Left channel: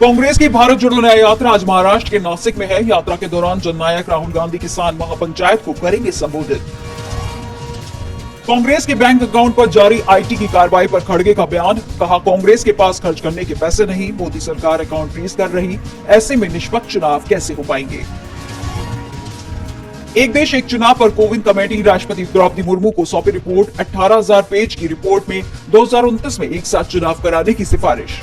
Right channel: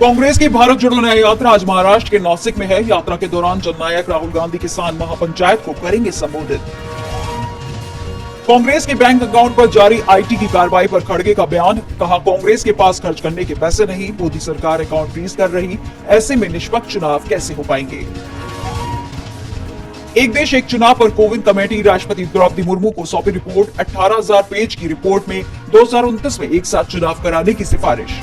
कांग्रेस की भारत जोड़ो न्याय यात्रा आज महाराष्ट्र के नासिक में है। यात्रा के दौरान जननायक राहुल गांधी किसान महापंचायत को करेंगे संबोधित। कांग्रेस के बैंक अकाउंट पर जारी आईटी की कार्रवाई पर खड़गे का बयान, कहा कांग्रेस के पास खर्च करने के पैसे नहीं, मोदी सरकार अकाउंट फ्रीज कर रही, ऐसे में निष्पक्ष चुनाव कैसे हो पाएंगे। एक देश एक चुनाव पर कोविंद कमेटी राष्ट्रपति द्रौपदी मुर्मू को सौंपी रिपोर्ट। 18,000 पेज की रिपोर्ट में 2029 में एक साथ चुनाव कराने की सिफारिश।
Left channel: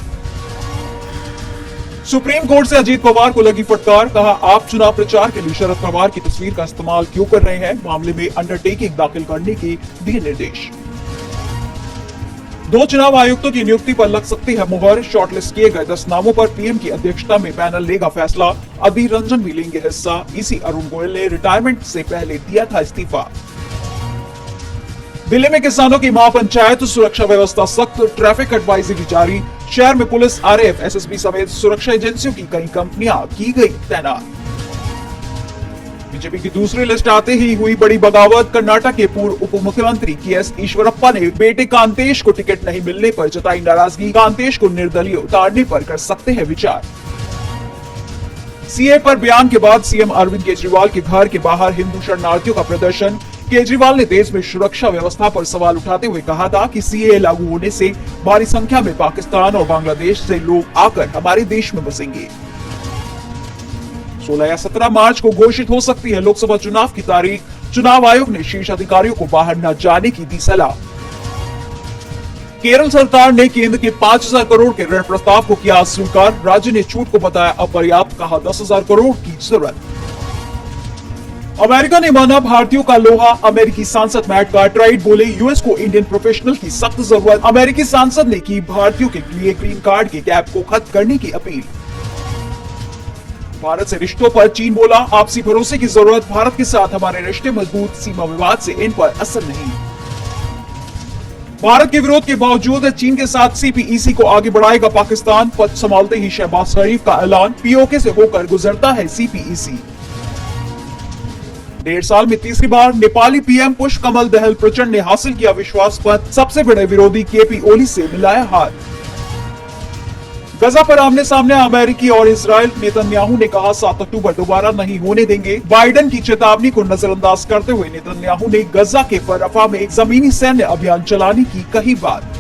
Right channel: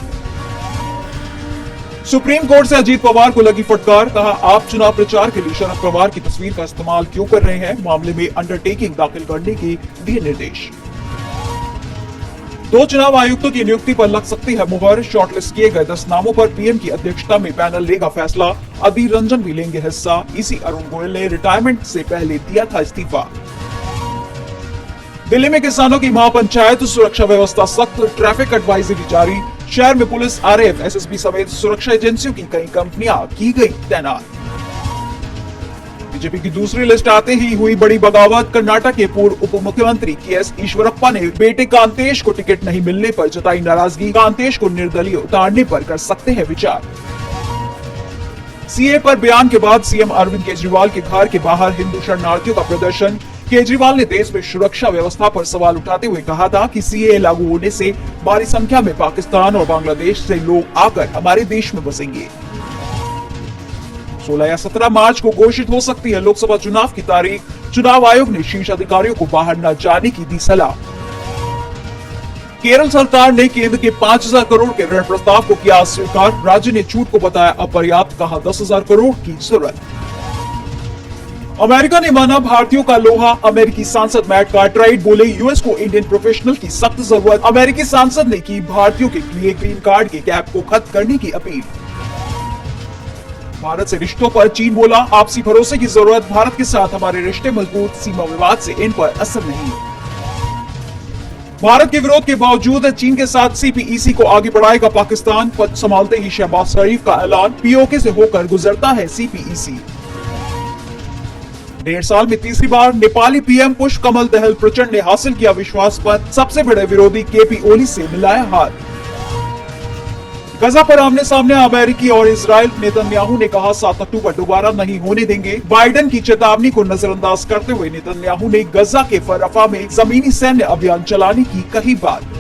सुप्रीम कोर्ट से अजीत पवार को लगी फटकार, कहा आप चुनाव प्रचार के लिए शरद पवार की तस्वीर का इस्तेमाल क्यों कर रहे हैं। मामले में अंडरटेकिंग दाखिल करने के दिए निर्देश। 2 चुनाव आयुक्तों की नियुक्ति पर लग सकती है मुहर। शॉर्टलिस्ट किए गए 10 नामों पर पीएम की अध्यक्षता में पैनल लेगा फैसला। अधीर रंजन भी लेंगे हिस्सा। इसी अरुण गोयल ने रिटायरमेंट से पहले दिया था इस्तीफा। दिल्ली में किसानों की महापंचायत, सुरक्षा व्यवस्था सख्त, ट्रैफिक एडवाइजरी जारी। शहर में पुलिस, आरएएफ, एसएसबी समेत सुरक्षा एजेंसियों की कई कंपनियां की गई तैनात। बीजेपी की दूसरी लिस्ट आते ही हुई बड़ी बगावत। कर्नाटक के पूर्व उप मुख्यमंत्री केएस ईश्वरप्पा ने बेटे कांतेश को टिकट नहीं मिलने पर जताई नाराजगी। कांतेश को निर्दलीय उतारने पर कर सकते हैं विचार। सीए पर बयान के बाद सीएम अरविंद केजरीवाल के घर के बाहर हिंदू शरणार्थियों का प्रदर्शन। केजरीवाल ने देश में सुरक्षा व्यवस्था पर सवाल उठाते हुए कहा था कि सीए लागू होने से भारी संख्या में पाकिस्तान और बांग्लादेश से लोग आकर हमारे देश में बसेंगे। 16 या 17 मार्च को घोषित हो सकती है लोकसभा चुनाव की तारीख। चुनाव आयोग ने शीर्ष अधिकारियों को बाहर न जाने की दी सलाह। केरल सरकार ने केंद्र के 5,000 करोड़ के ऋण प्रस्ताव को किया स्वीकार। राज्य ने छूट को बताया अपर्याप्त, कहा 10,000 करोड़ की जरूरत। अमेरिका ने माना भारतीयों का लोहा। अमेरिकी सांसद मैट कार्टराइट बोले यूएस को इंडियन प्रोफेशनल की सख्त जरूरत। अमेरिकी सांसद ने की भारतीयों के लिए ग्रीन कार्ड के कैप को खत्म करने की अपील। भारत से रिश्तों पर चीन बोला आपसी भरोसे की जरूरत। भारत के साथ हमारे रिश्ते मजबूत, सीमा विवाद से इन पर असर नहीं। भारत के विरोध के बावजूद चीन के साथ सीपीईसी को आगे बढ़ाएगा पाकिस्तान। पद संभालते ही शहबाज शरीफ का ऐलान, पीओके से होकर गुजरता है सीपीईसी। 1.5 साल में तीसरी बार नेपाली पीएम पुष्प कमल दहल प्रचंड ने हासिल किया विश्वास पद। सबसे बड़े विरोधी केपी ओली से मिलाया हाथ। गजा पर आमने सामने अमेरिकी और इजराइल। नेतन्याहू ने कहा 7 अक्टूबर दोबारा नहीं होने देंगे। बाइडेन की चेतावनी को नजरअंदाज करते हुए नेतन्याहू ने गजा के रफा में जमीनी सैन्य अभियान चलाने की कही बात।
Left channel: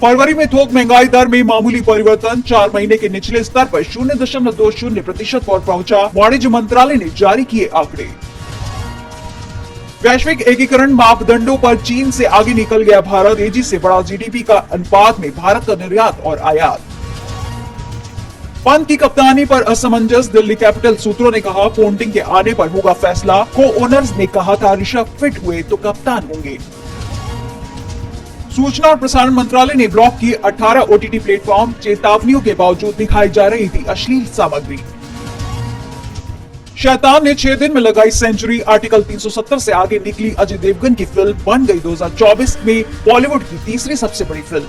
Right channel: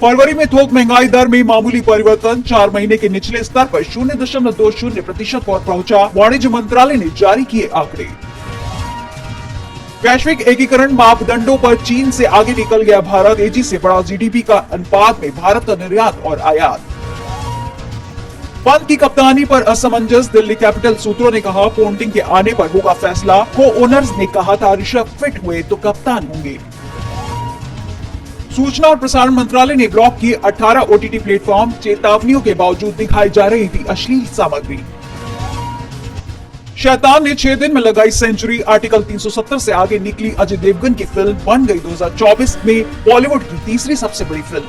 फरवरी में थोक महंगाई दर में मामूली परिवर्तन। 4 महीने के निचले स्तर पर 0.20% पर पहुंचा। वाणिज्य मंत्रालय ने जारी किए आंकड़े। वैश्विक एकीकरण मापदंडों पर चीन से आगे निकल गया भारत। तेजी से बढ़ा जीडीपी का अनुपात में भारत का निर्यात और आयात। पंत की कप्तानी पर असमंजस। दिल्ली कैपिटल सूत्रों ने कहा पोंटिंग के आने पर होगा फैसला। को ओनर्स ने कहा था ऋषभ फिट हुए तो कप्तान होंगे। सूचना और प्रसारण मंत्रालय ने ब्लॉक किए 18 ओटीटी प्लेटफॉर्म। चेतावनियों के बावजूद दिखाई जा रही थी अश्लील सामग्री। शैतान ने 6 दिन में लगाई सेंचुरी। आर्टिकल 370 से आगे निकली अजय देवगन की फिल्म, बन गई 2024 में बॉलीवुड की तीसरी सबसे बड़ी फिल्म।